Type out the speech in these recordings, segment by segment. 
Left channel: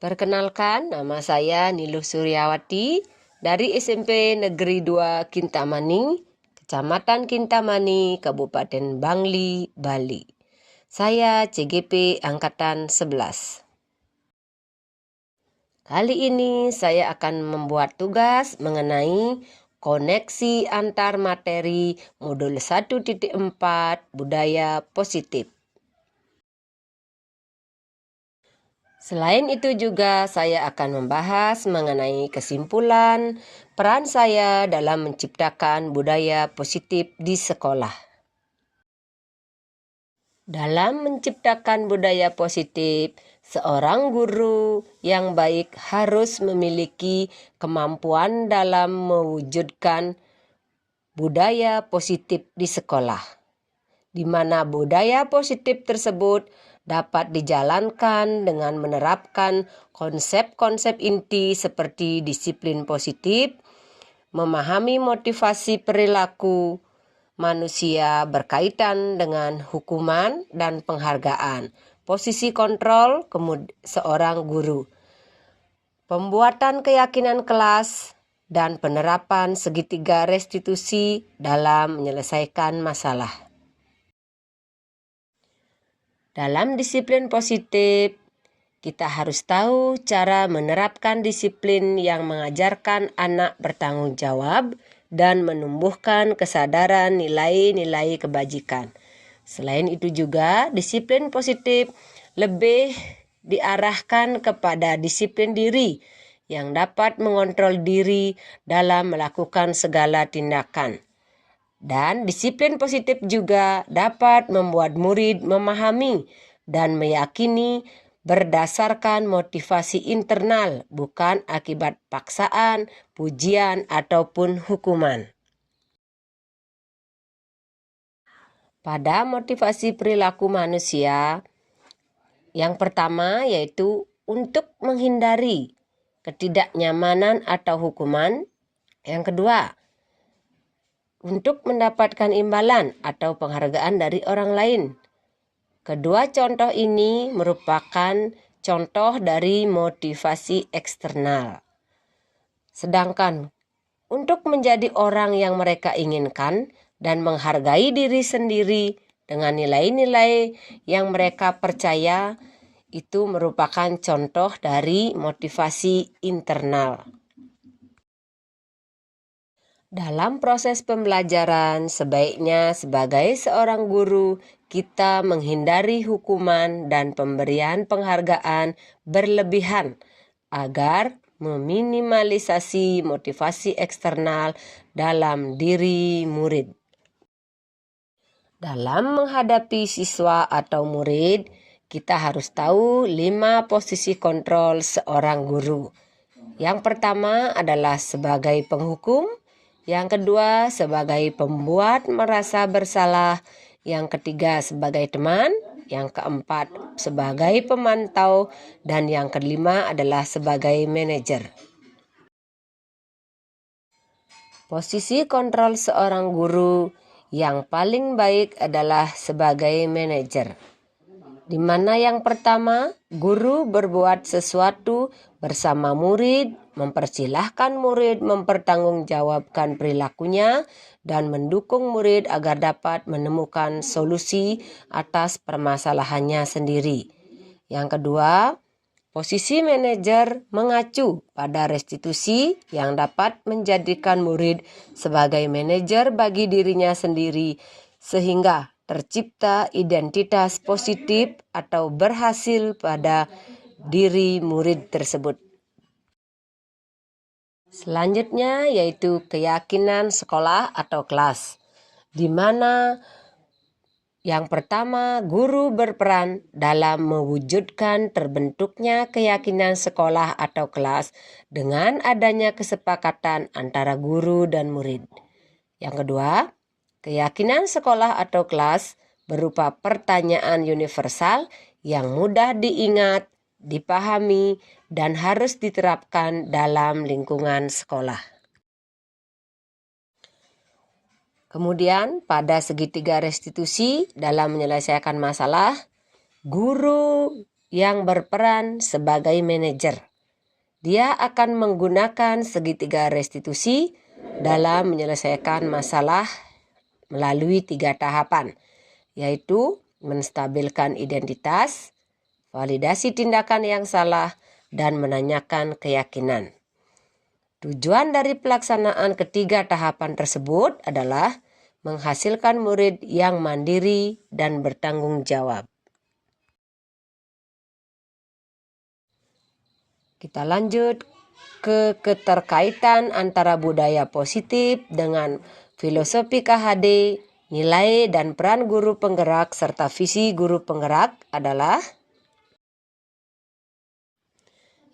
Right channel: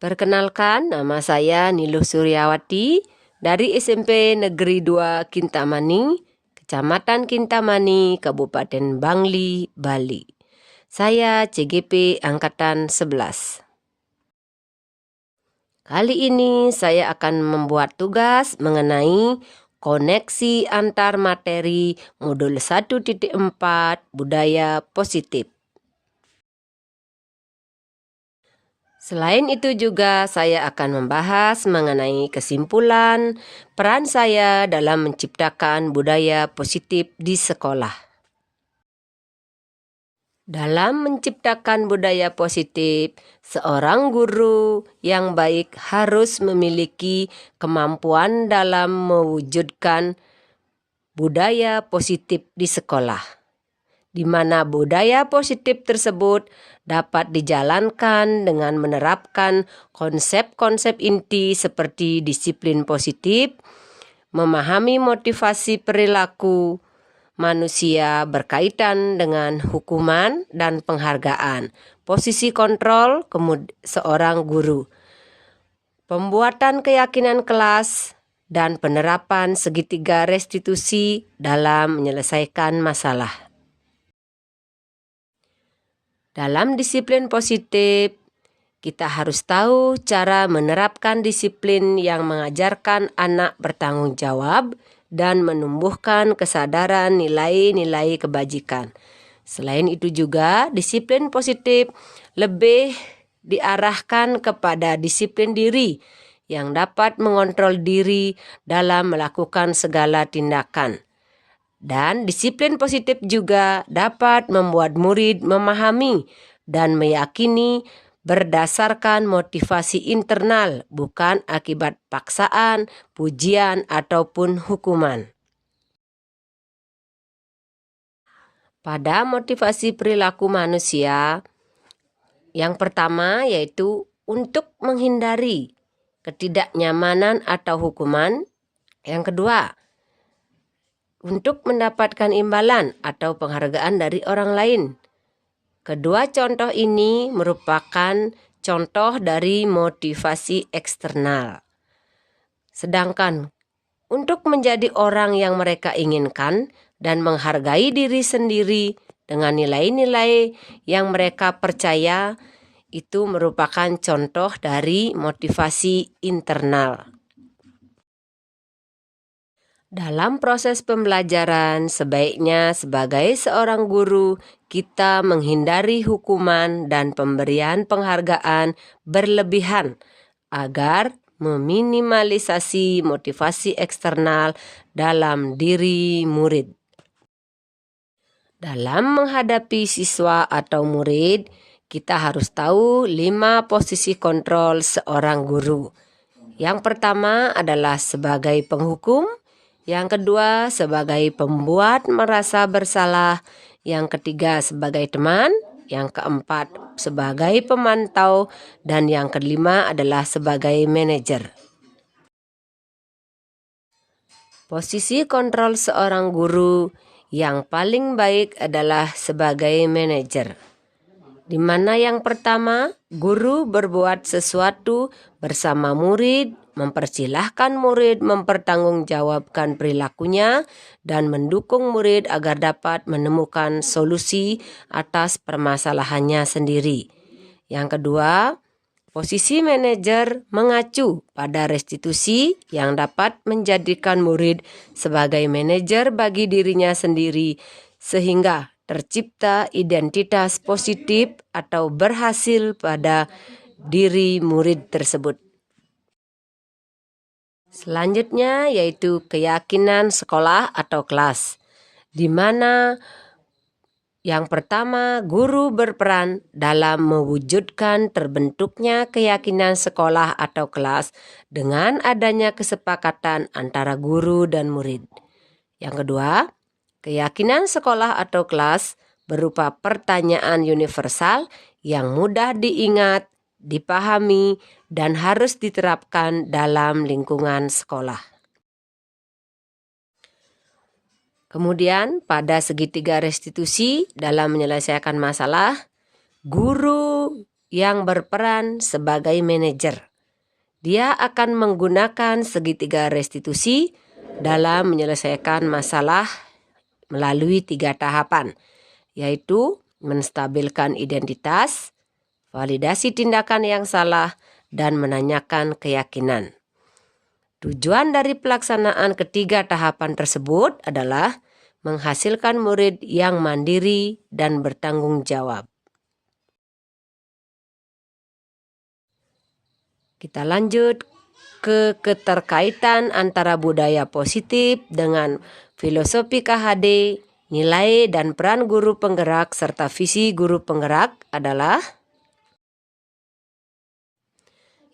Perkenalkan, nama saya Niluh Suryawati dari SMP Negeri 2 Kintamani, Kecamatan Kintamani, Kabupaten Bangli, Bali. Saya CGP Angkatan 11. Kali ini saya akan membuat tugas mengenai koneksi antar materi modul 1.4 budaya positif. Selain itu juga saya akan membahas mengenai kesimpulan peran saya dalam menciptakan budaya positif di sekolah. Dalam menciptakan budaya positif, seorang guru yang baik harus memiliki kemampuan dalam mewujudkan budaya positif di sekolah, di mana budaya positif tersebut dapat dijalankan dengan menerapkan konsep-konsep inti seperti disiplin positif, memahami motivasi perilaku manusia berkaitan dengan hukuman dan penghargaan, posisi kontrol seorang guru, pembuatan keyakinan kelas, dan penerapan segitiga restitusi dalam menyelesaikan masalah. Dalam disiplin positif, kita harus tahu cara menerapkan disiplin yang mengajarkan anak bertanggung jawab dan menumbuhkan kesadaran nilai-nilai kebajikan. Selain itu juga, disiplin positif lebih diarahkan kepada disiplin diri yang dapat mengontrol diri dalam melakukan segala tindakan. Dan disiplin positif juga dapat membuat murid memahami dan meyakini berdasarkan motivasi internal, bukan akibat paksaan, pujian, ataupun hukuman. Pada motivasi perilaku manusia, yang pertama yaitu untuk menghindari ketidaknyamanan atau hukuman. Yang kedua, untuk mendapatkan imbalan atau penghargaan dari orang lain. Kedua contoh ini merupakan contoh dari motivasi eksternal. Sedangkan untuk menjadi orang yang mereka inginkan dan menghargai diri sendiri dengan nilai-nilai yang mereka percaya, itu merupakan contoh dari motivasi internal. Dalam proses pembelajaran, sebaiknya sebagai seorang guru, kita menghindari hukuman dan pemberian penghargaan berlebihan agar meminimalisasi motivasi eksternal dalam diri murid. Dalam menghadapi siswa atau murid, kita harus tahu 5 posisi kontrol seorang guru. Yang pertama adalah sebagai penghukum, yang kedua sebagai pembuat merasa bersalah, yang ketiga sebagai teman, yang keempat sebagai pemantau, dan yang kelima adalah sebagai manajer. Posisi kontrol seorang guru yang paling baik adalah sebagai manajer, di mana yang pertama, guru berbuat sesuatu bersama murid, mempersilahkan murid mempertanggungjawabkan perilakunya, dan mendukung murid agar dapat menemukan solusi atas permasalahannya sendiri. Yang kedua, posisi manajer mengacu pada restitusi yang dapat menjadikan murid sebagai manajer bagi dirinya sendiri, sehingga tercipta identitas positif atau berhasil pada diri murid tersebut. Selanjutnya yaitu keyakinan sekolah atau kelas, di mana yang pertama, guru berperan dalam mewujudkan terbentuknya keyakinan sekolah atau kelas dengan adanya kesepakatan antara guru dan murid. Yang kedua, keyakinan sekolah atau kelas berupa pertanyaan universal yang mudah diingat, dipahami, dan harus diterapkan dalam lingkungan sekolah. Kemudian pada segitiga restitusi dalam menyelesaikan masalah, guru yang berperan sebagai manajer. Dia akan menggunakan segitiga restitusi dalam menyelesaikan masalah melalui 3 tahapan, yaitu menstabilkan identitas, validasi tindakan yang salah, dan menanyakan keyakinan. Tujuan dari pelaksanaan ketiga tahapan tersebut adalah menghasilkan murid yang mandiri dan bertanggung jawab. Kita lanjut ke keterkaitan antara budaya positif dengan filosofi KHD, nilai dan peran guru penggerak serta visi guru penggerak adalah:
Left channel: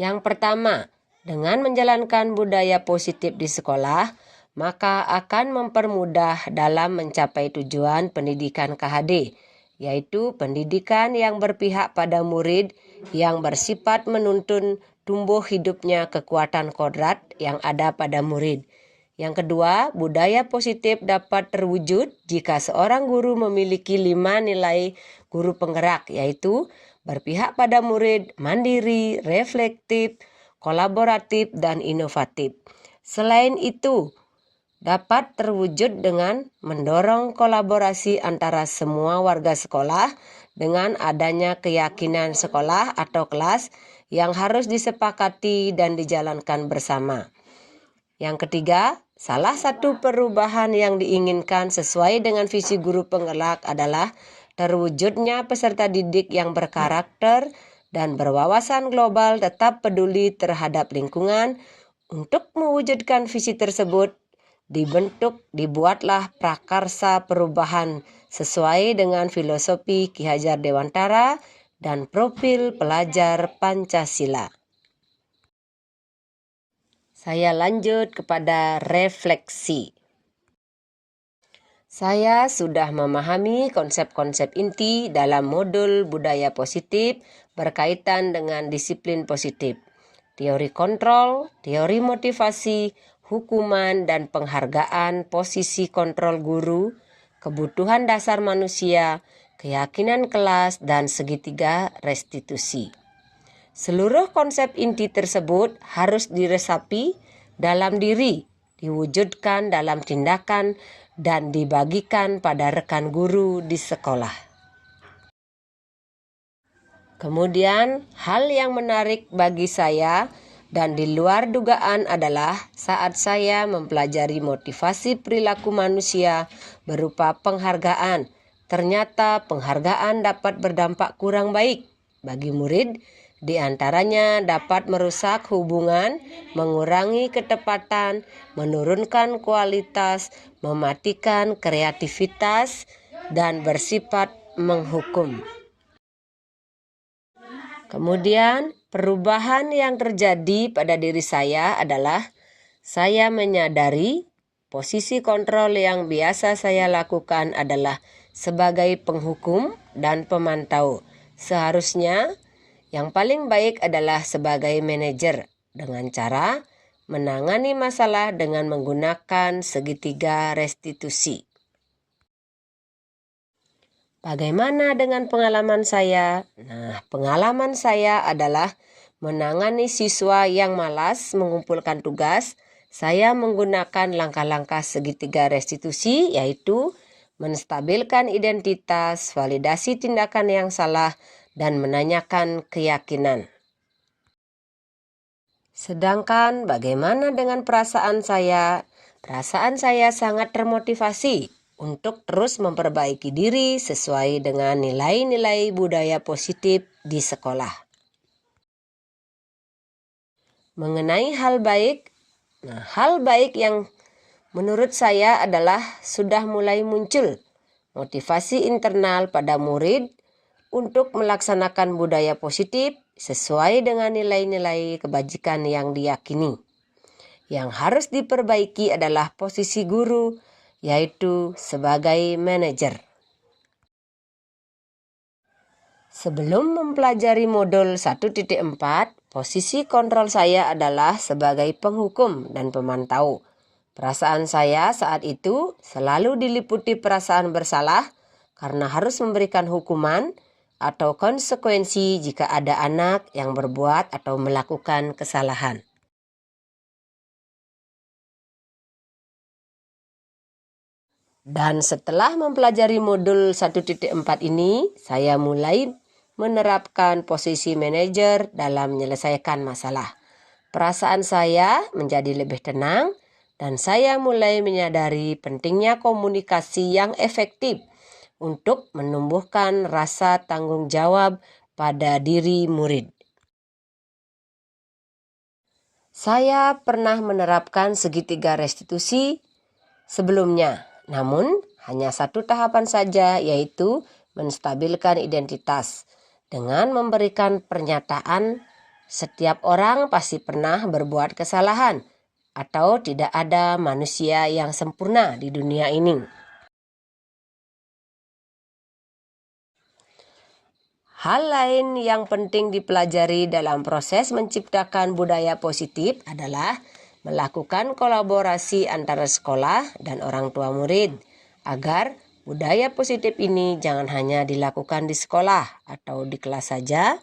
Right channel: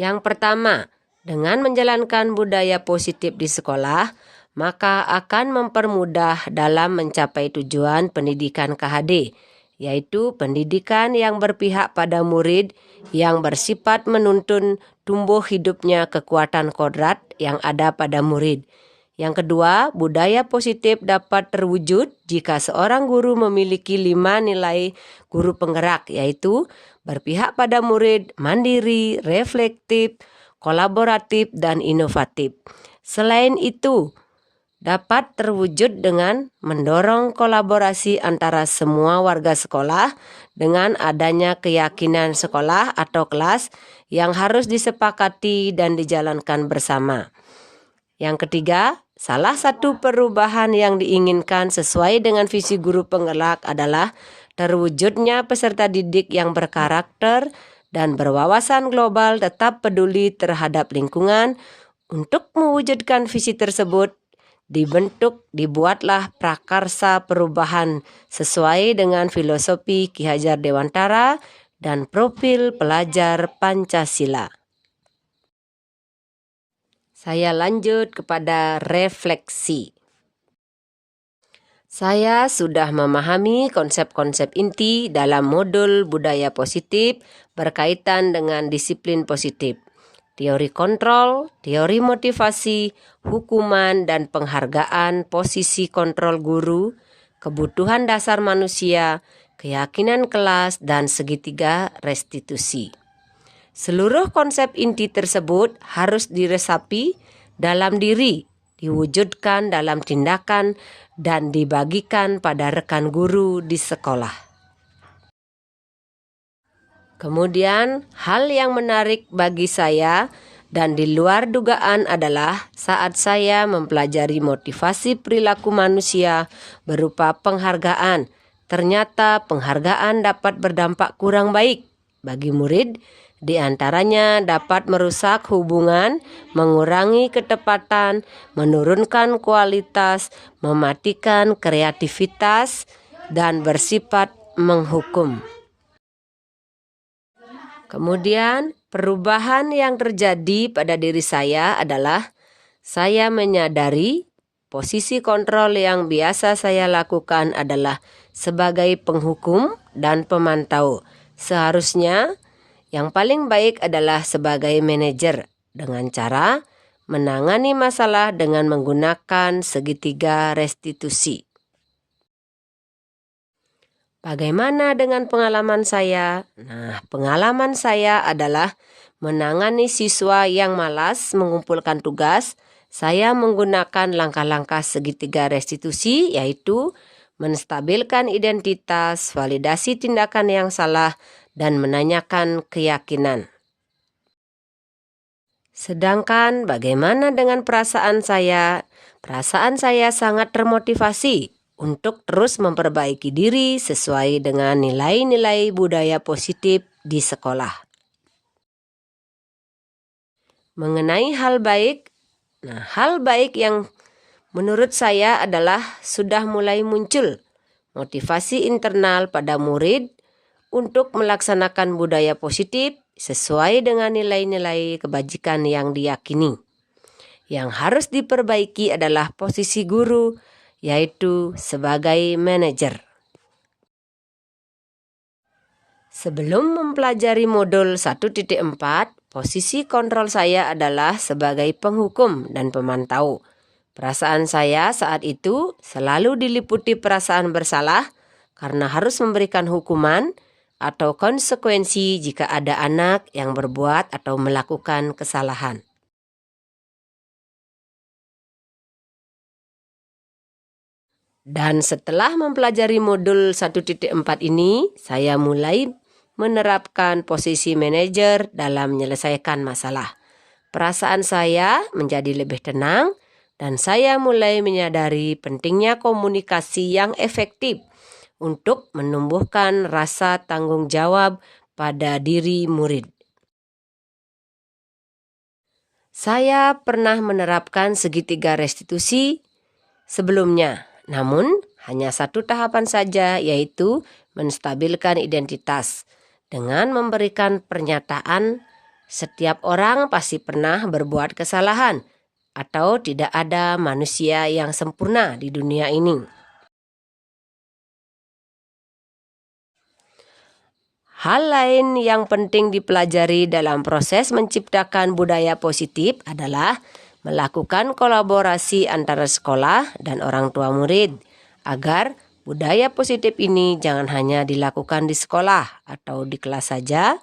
yang pertama, dengan menjalankan budaya positif di sekolah, maka akan mempermudah dalam mencapai tujuan pendidikan KHD, yaitu pendidikan yang berpihak pada murid yang bersifat menuntun tumbuh hidupnya kekuatan kodrat yang ada pada murid. Yang kedua, budaya positif dapat terwujud jika seorang guru memiliki 5 nilai guru penggerak, yaitu berpihak pada murid, mandiri, reflektif, kolaboratif, dan inovatif. Selain itu, dapat terwujud dengan mendorong kolaborasi antara semua warga sekolah dengan adanya keyakinan sekolah atau kelas yang harus disepakati dan dijalankan bersama. Yang ketiga, salah satu perubahan yang diinginkan sesuai dengan visi guru penggerak adalah terwujudnya peserta didik yang berkarakter dan berwawasan global tetap peduli terhadap lingkungan. Untuk mewujudkan visi tersebut, dibuatlah prakarsa perubahan sesuai dengan filosofi Ki Hajar Dewantara dan profil pelajar Pancasila. Saya lanjut kepada refleksi. Saya sudah memahami konsep-konsep inti dalam modul budaya positif berkaitan dengan disiplin positif, teori kontrol, teori motivasi, hukuman dan penghargaan, posisi kontrol guru, kebutuhan dasar manusia, keyakinan kelas, dan segitiga restitusi. Seluruh konsep inti tersebut harus diresapi dalam diri, diwujudkan dalam tindakan, dan dibagikan pada rekan guru di sekolah. Kemudian, hal yang menarik bagi saya dan di luar dugaan adalah saat saya mempelajari motivasi perilaku manusia berupa penghargaan. Ternyata penghargaan dapat berdampak kurang baik bagi murid. Di antaranya dapat merusak hubungan, mengurangi ketepatan, menurunkan kualitas, mematikan kreativitas, dan bersifat menghukum. Kemudian, perubahan yang terjadi pada diri saya adalah saya menyadari posisi kontrol yang biasa saya lakukan adalah sebagai penghukum dan pemantau. Seharusnya yang paling baik adalah sebagai manajer dengan cara menangani masalah dengan menggunakan segitiga restitusi. Bagaimana dengan pengalaman saya? Nah, pengalaman saya adalah menangani siswa yang malas mengumpulkan tugas. Saya menggunakan langkah-langkah segitiga restitusi, yaitu menstabilkan identitas, validasi tindakan yang salah, dan menanyakan keyakinan. Sedangkan bagaimana dengan perasaan saya? Perasaan saya sangat termotivasi untuk terus memperbaiki diri sesuai dengan nilai-nilai budaya positif di sekolah. Mengenai hal baik, hal baik yang menurut saya adalah sudah mulai muncul motivasi internal pada murid untuk melaksanakan budaya positif sesuai dengan nilai-nilai kebajikan yang diyakini. Yang harus diperbaiki adalah posisi guru, yaitu sebagai manajer. Sebelum mempelajari modul 1.4, posisi kontrol saya adalah sebagai penghukum dan pemantau. Perasaan saya saat itu selalu diliputi perasaan bersalah karena harus memberikan hukuman, atau konsekuensi jika ada anak yang berbuat atau melakukan kesalahan. Dan setelah mempelajari modul 1.4 ini, saya mulai menerapkan posisi manajer dalam menyelesaikan masalah. Perasaan saya menjadi lebih tenang dan saya mulai menyadari pentingnya komunikasi yang efektif untuk menumbuhkan rasa tanggung jawab pada diri murid. Saya pernah menerapkan segitiga restitusi sebelumnya, namun hanya satu tahapan saja, yaitu menstabilkan identitas dengan memberikan pernyataan setiap orang pasti pernah berbuat kesalahan atau tidak ada manusia yang sempurna di dunia ini. Hal lain yang penting dipelajari dalam proses menciptakan budaya positif adalah melakukan kolaborasi antara sekolah dan orang tua murid agar budaya positif ini jangan hanya dilakukan di sekolah atau di kelas saja,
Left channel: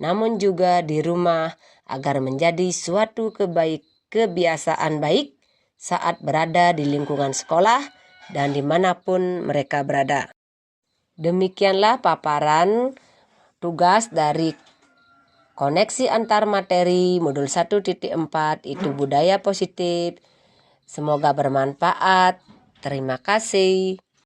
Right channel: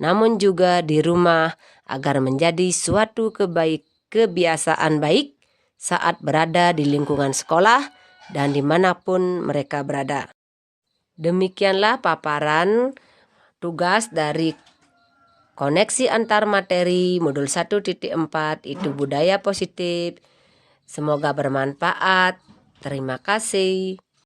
namun juga di rumah agar menjadi suatu kebiasaan baik saat berada di lingkungan sekolah dan dimanapun mereka berada. Demikianlah paparan tugas dari koneksi antar materi modul 1.4 itu budaya positif. Semoga bermanfaat. Terima kasih.